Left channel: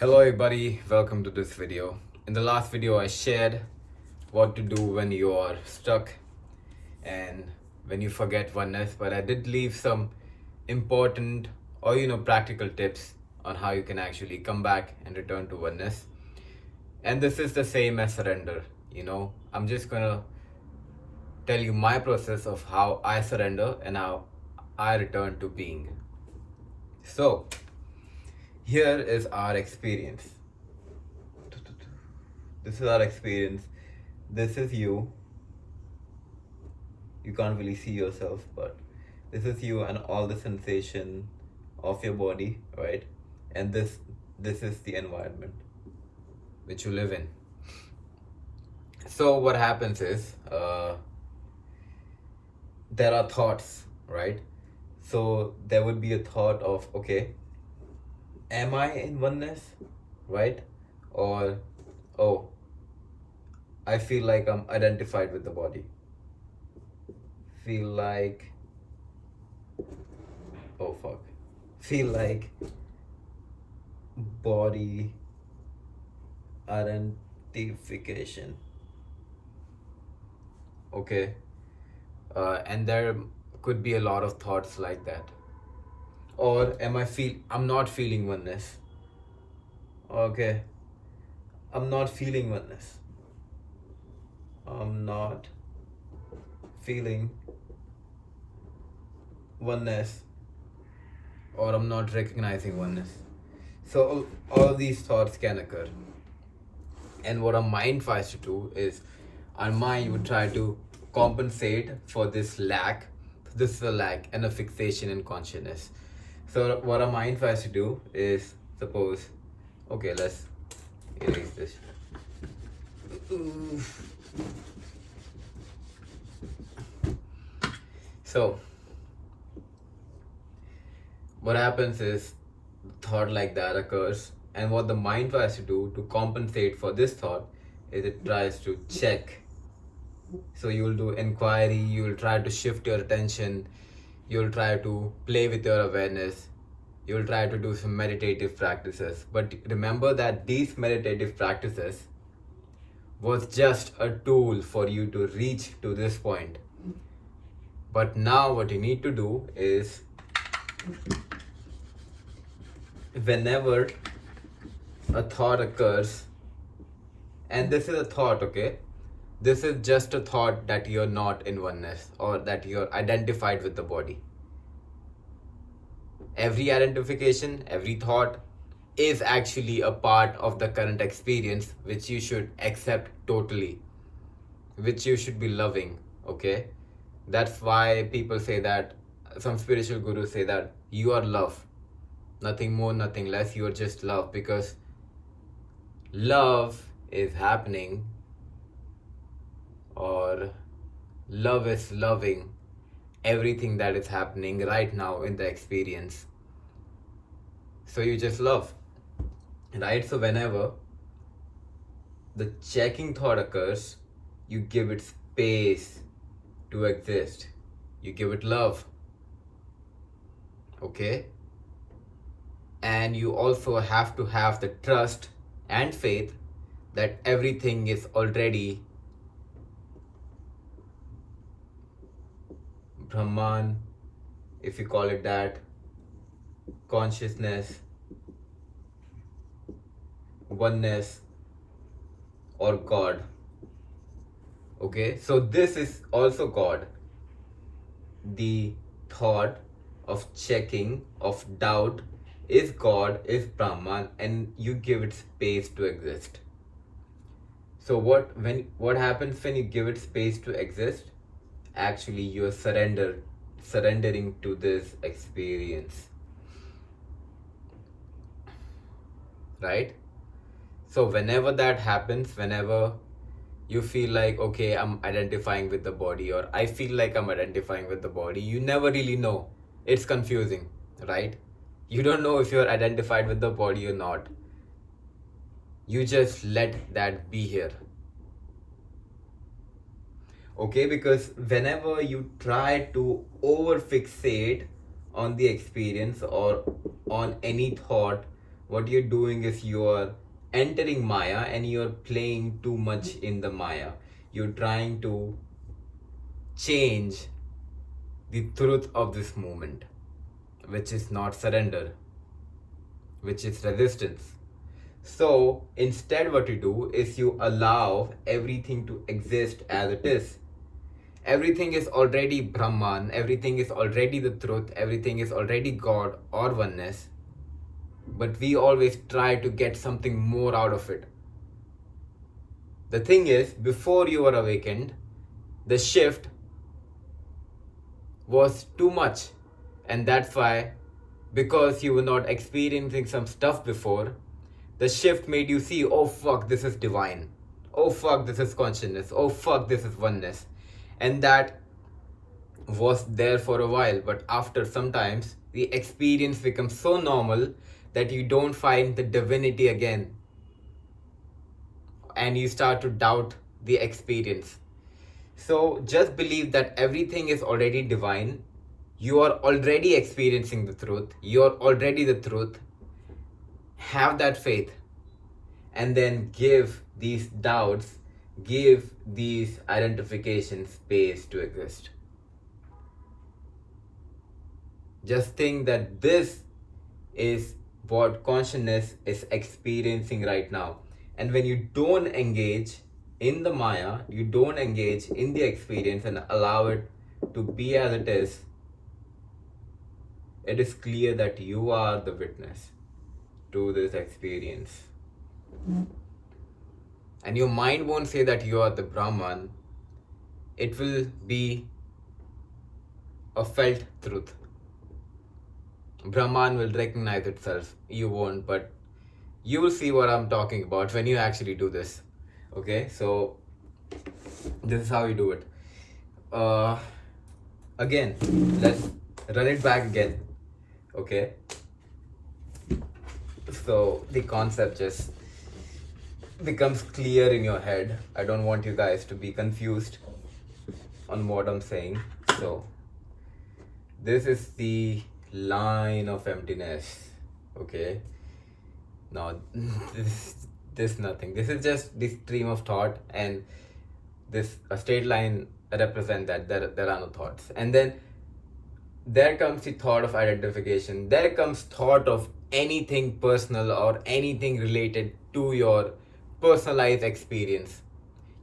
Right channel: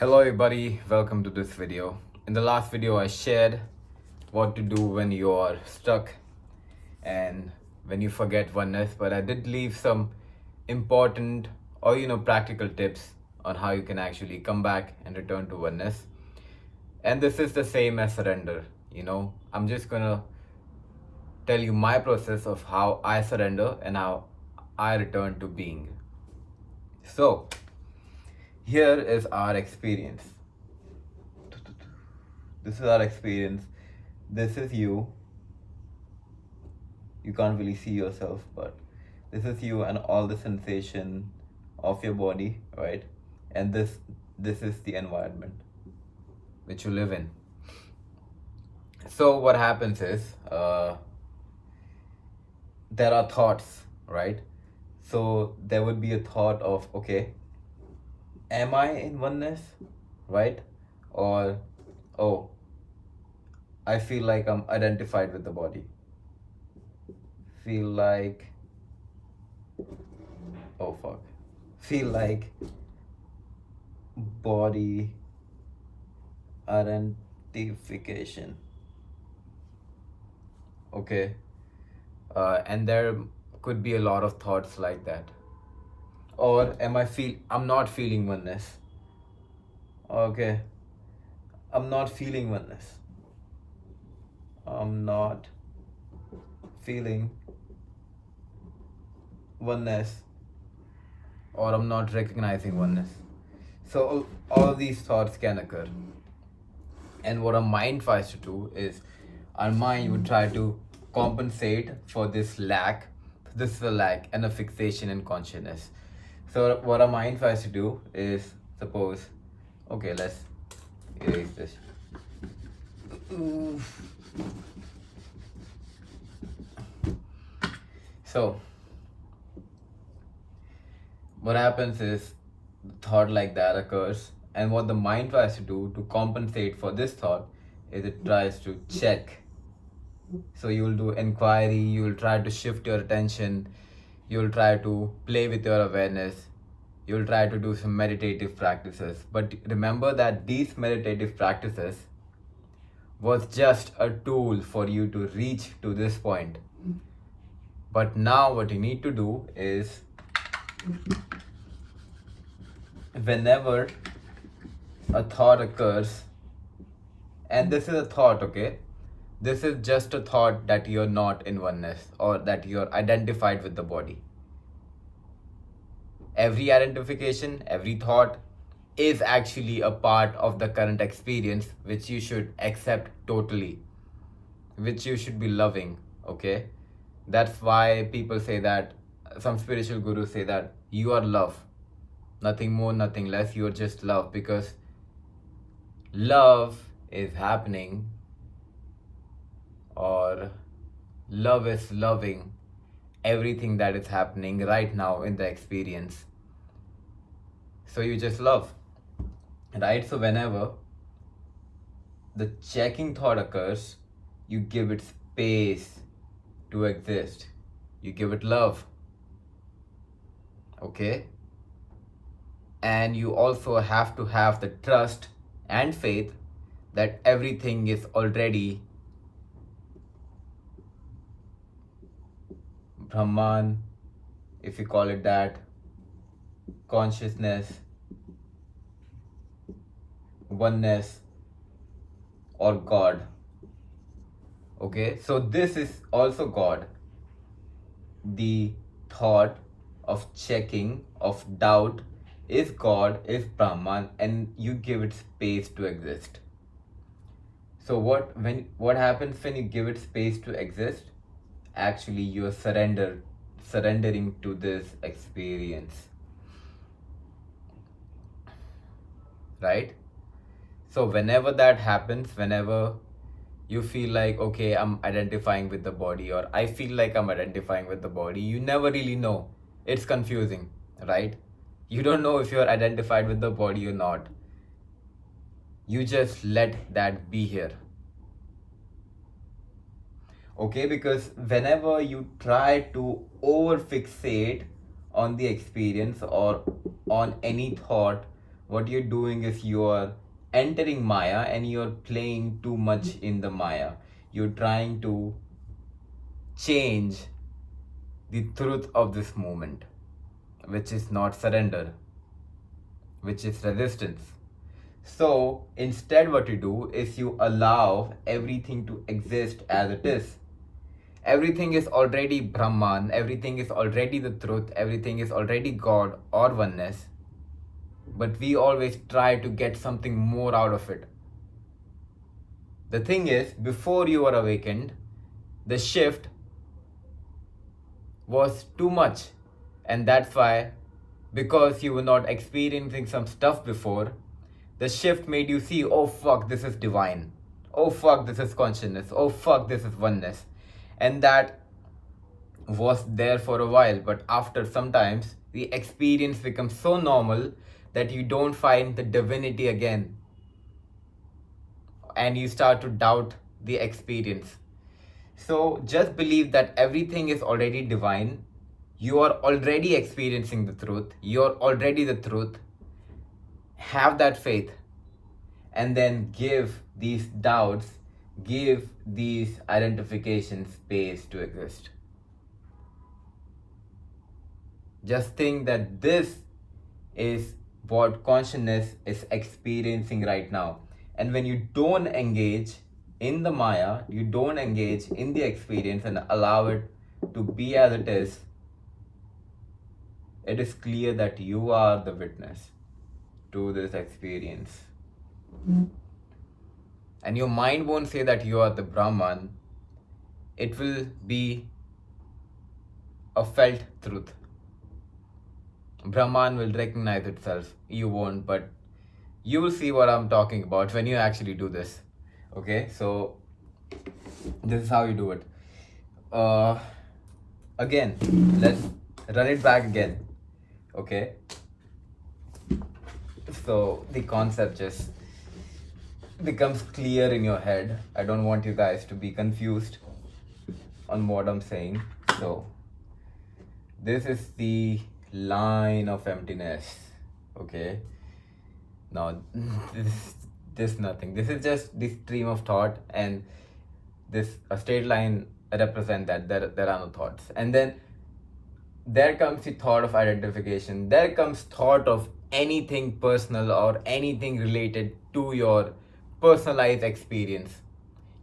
Hello everybody, welcome to this video. In the last video I shared what to do when you are stuck and when you forget oneness, but I did leave some important or practical tips on how you can actually come back and return to oneness. And this is the same as surrender. I'm just gonna tell you my process of how I surrender and how I return to being. So here is our experience. This is our experience. This is you. You can't really see yourself, but this is you and all the sensation of your body, right? And this is the environment which you live in. So what happens is there are thoughts, right? So there would be a thought of, okay, am I in oneness, right? Or, oh, I feel like I'm identified with the body. Feel like, oh fuck. Feel like body identification. Okay. And there could be a lot of thoughts like that. Or I'm not feeling oneness. Okay. I'm not feeling oneness. I'm not feeling oneness, or I'm not recognizing oneness. So all of these thoughts can occur. And what our mind tries to do is our mind would try to compensate for this lack. This is a lack and a fixation in consciousness. So what our mind tries to do is, suppose, okay, let's erase this. So what happens is thought like that occurs, and what the mind tries to do to compensate for this thought is it tries to check. So you will do inquiry, you will try to shift your attention, you will try to play with your awareness, you will try to do some meditative practices. But remember that these meditative practices was just a tool for you to reach to this point. But now what you need to do is, whenever a thought occurs, and this is a thought, okay, this is just a thought that you're not in oneness or that you're identified with the body. Every identification, every thought is actually a part of the current experience, which you should accept totally, which you should be loving, okay? That's why people say that, some spiritual gurus say that you are love, nothing more, nothing less, you are just love, because love is happening, or love is loving everything that is happening right now in the experience. So you just love, right? So whenever the checking thought occurs, you give it space to exist, you give it love, okay? And you also have to have the trust and faith that everything is already Brahman, if you call it that, consciousness, oneness, or God. Okay, so this is also God. The thought of checking, of doubt, is God, is Brahman, and you give it space to exist. So what happens when you give it space to exist? Actually, you are surrendering to this experience, right? So whenever that happens, whenever you feel like, okay, I'm identifying with the body, or I feel like I'm identifying with the body, you never really know. It's confusing, right? You don't know if you're identified with the body or not. You just let that be here. Okay, because whenever you try to over fixate on the experience or on any thought what you're doing is you're entering Maya and you're playing too much in the Maya. You're trying to change the truth of this moment, which is not surrender, which is resistance. So instead, what you do is you allow everything to exist as it is. Everything is already Brahman, everything is already the truth, everything is already God or oneness. But we always try to get something more out of it. The thing is, before you were awakened, the shift was too much. And that's why, because you were not experiencing some stuff before, the shift made you see, oh fuck, this is divine. Oh fuck, this is consciousness. Oh fuck, this is oneness. And that was there for a while, but after sometimes the experience becomes so normal that you don't find the divinity again, and you start to doubt the experience. So just believe that everything is already divine. You are already experiencing the truth. You're already the truth. Have that faith, and then give these doubts, give these identifications space to exist. Just think that this is what consciousness is experiencing right now. And when you don't engage in the Maya, you don't engage in the experience and allow it to be as it is clear that you are the witness to this experience. And your mind won't say that you are the Brahman. It will be a felt truth. Brahman will recognize itself. You won't, but you will see what I'm talking about when you actually do this. Okay, so this is how you do it. Again, let's run it back again. Okay, so the concept just becomes clear in your head. I don't want you guys to be confused on what I'm saying. So this is the line of emptiness. Okay, now this nothing. This is just the stream of thought, and this a straight line represent that there are no thoughts. And then there comes the thought of identification. There comes thought of anything personal or anything related to your personalized experience.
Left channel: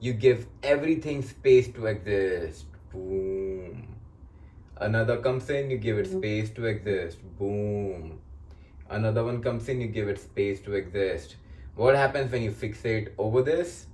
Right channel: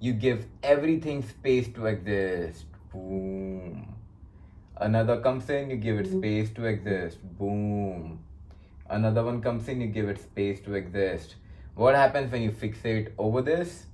You give everything space to exist. Boom. Another comes in, you give it space to exist. Boom. Another one comes in, you give it space to exist. What happens when you fixate over this?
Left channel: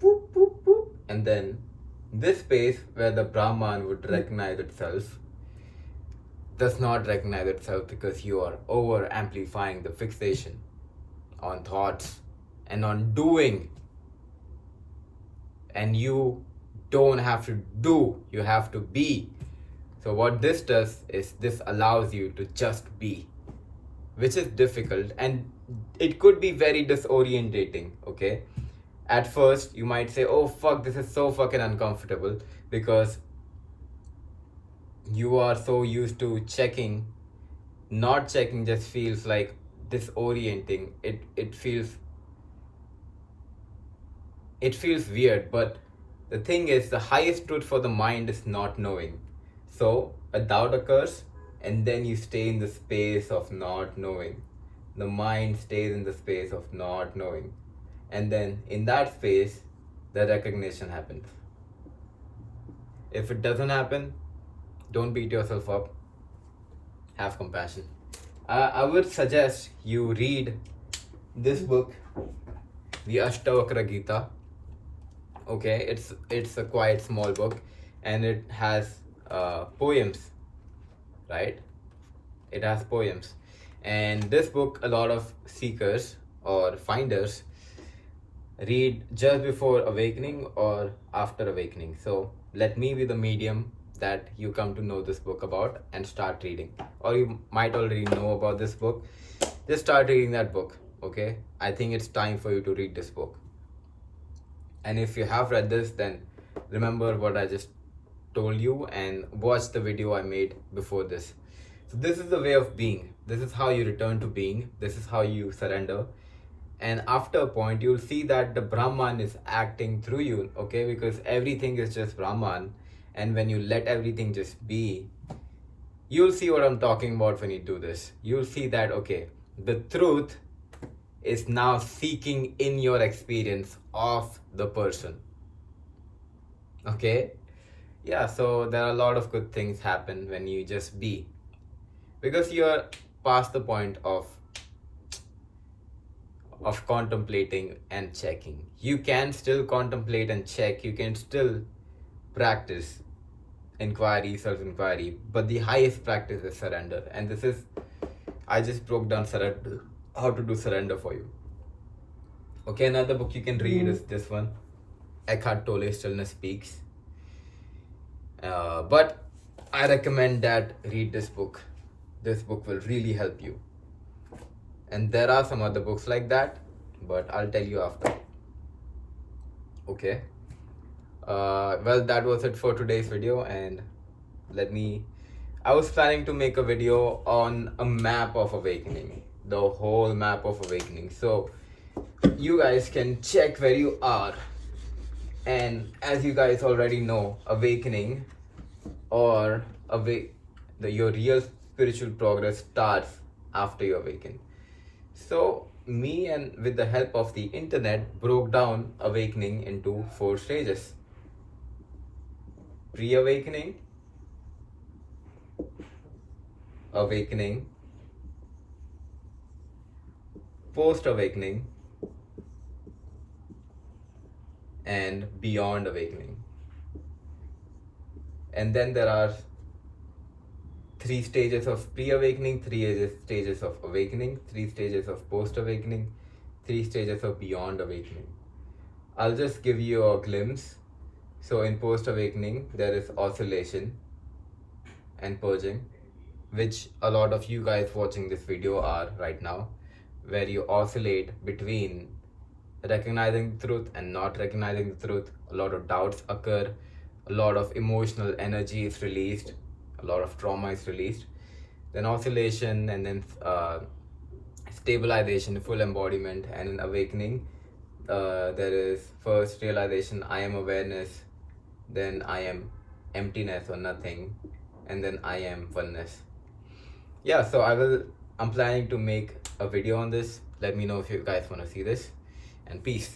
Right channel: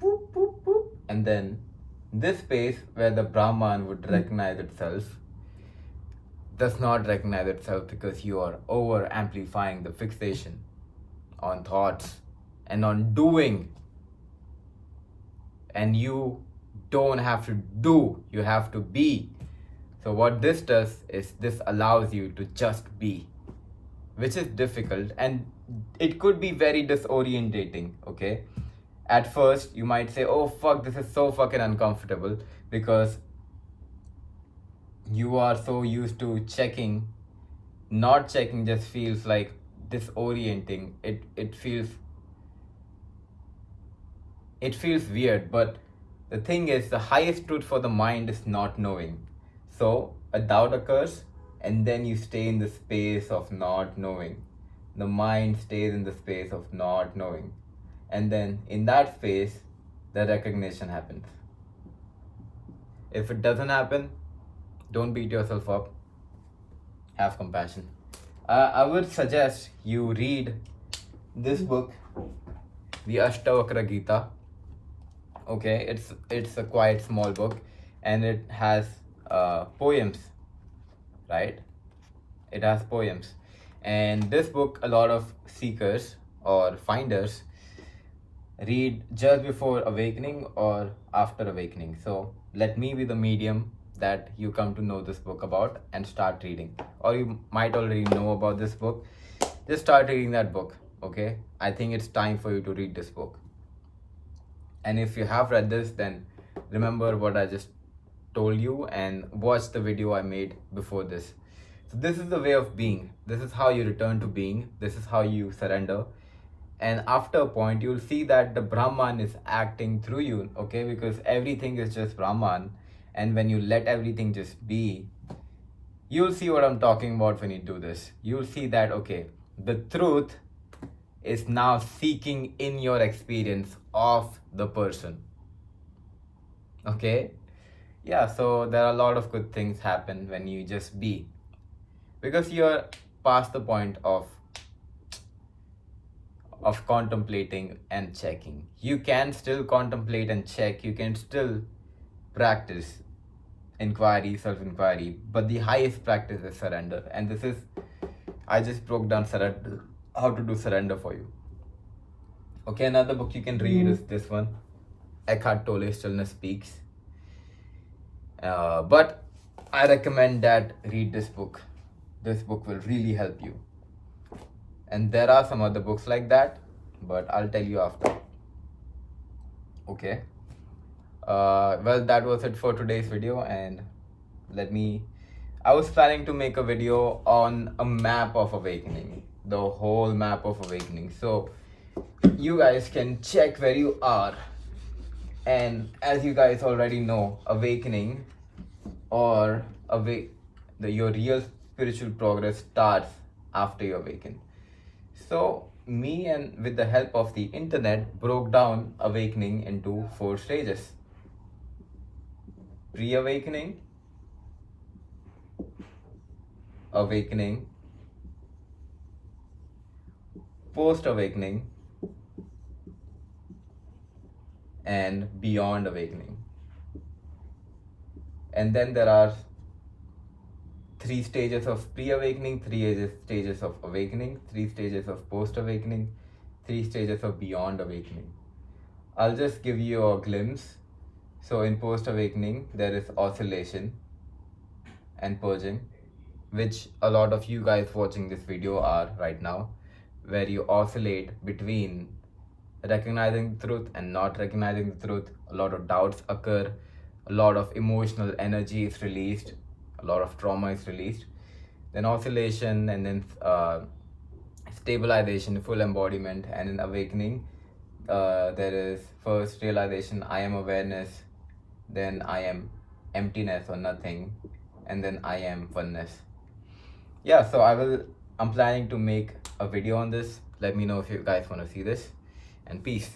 Boop, boop, boop. And then this space where the Brahman would recognize itself does not recognize itself because you are over amplifying the fixation on thoughts and on doing. And you don't have to do, you have to be. So what this does is this allows you to just be, which is difficult, and it could be very disorientating. Okay, at first you might say, oh fuck, this is so fucking uncomfortable, because you are so used to checking. Not checking just feels like disorienting. It feels weird, but the thing is, the highest truth for the mind is not knowing. So a doubt occurs, and then you stay in the space of not knowing. The mind stays in the space of not knowing. And then in that space, the recognition happens. If it doesn't happen, don't beat yourself up. Have compassion. I would suggest you read this book, the Ashtavakra Gita. Okay, it's a quite small book, and it has poems, right? It has poems. And this book, a lot of seekers or finders read just before awakening or after awakening. So let me be the medium that you come to know this book about and start reading. Or you might already know about this book. Just start reading that book. Okay, I think it's time for you to read this book. And if you have read this, then remember what I just told you and watch the video I made before this. So this is the way of being. This is how you return to being. This is how you surrender. And after a point, you'll see that the Brahman is acting through you, okay? Because everything is just Brahman. And when you let everything just be, you'll see what I'm talking about when you do this. You'll see that, okay, the truth is now seeking in your experience of the person. Okay? Yeah, so there are a lot of good things happen when you just be. Because you're past the point of contemplating and checking. You can still contemplate and check. You can still practice inquiry, self-inquiry, but the highest practice is surrender. And this is, I just broke down surrender, how to do surrender for you. Okay, another book you can read is this one, Eckhart Tolle, Stillness Speaks. But I recommend that read this book. This book will really help you. And there are some other books like that, but I'll tell you after. Okay. Well, that was it for today's video. And I was planning to make a video on a map of awakening, the whole map of awakening. So you guys can check where you are. And as you guys already know, awakening or your real spiritual progress starts after you awaken. So me, and with the help of the internet, broke down awakening into 4 stages. Pre-awakening, awakening, post-awakening, and beyond awakening. And then there are 3 stages of pre-awakening, 3 stages of awakening, 3 stages of post-awakening, 3 stages of beyond awakening. I'll just give you a glimpse. So in post-awakening, there is oscillation and purging, which a lot of you guys watching this video are right now, where you oscillate between recognizing the truth and not recognizing the truth. A lot of doubts occur, a lot of emotional energy is released, a lot of trauma is released. Then oscillation, and then stabilization, full embodiment. And in awakening, there is first realization, I am awareness, then I am emptiness or nothing, and then I am oneness. Yeah, so I'm planning to make a video on this. Let me know if you guys want to see this, and peace.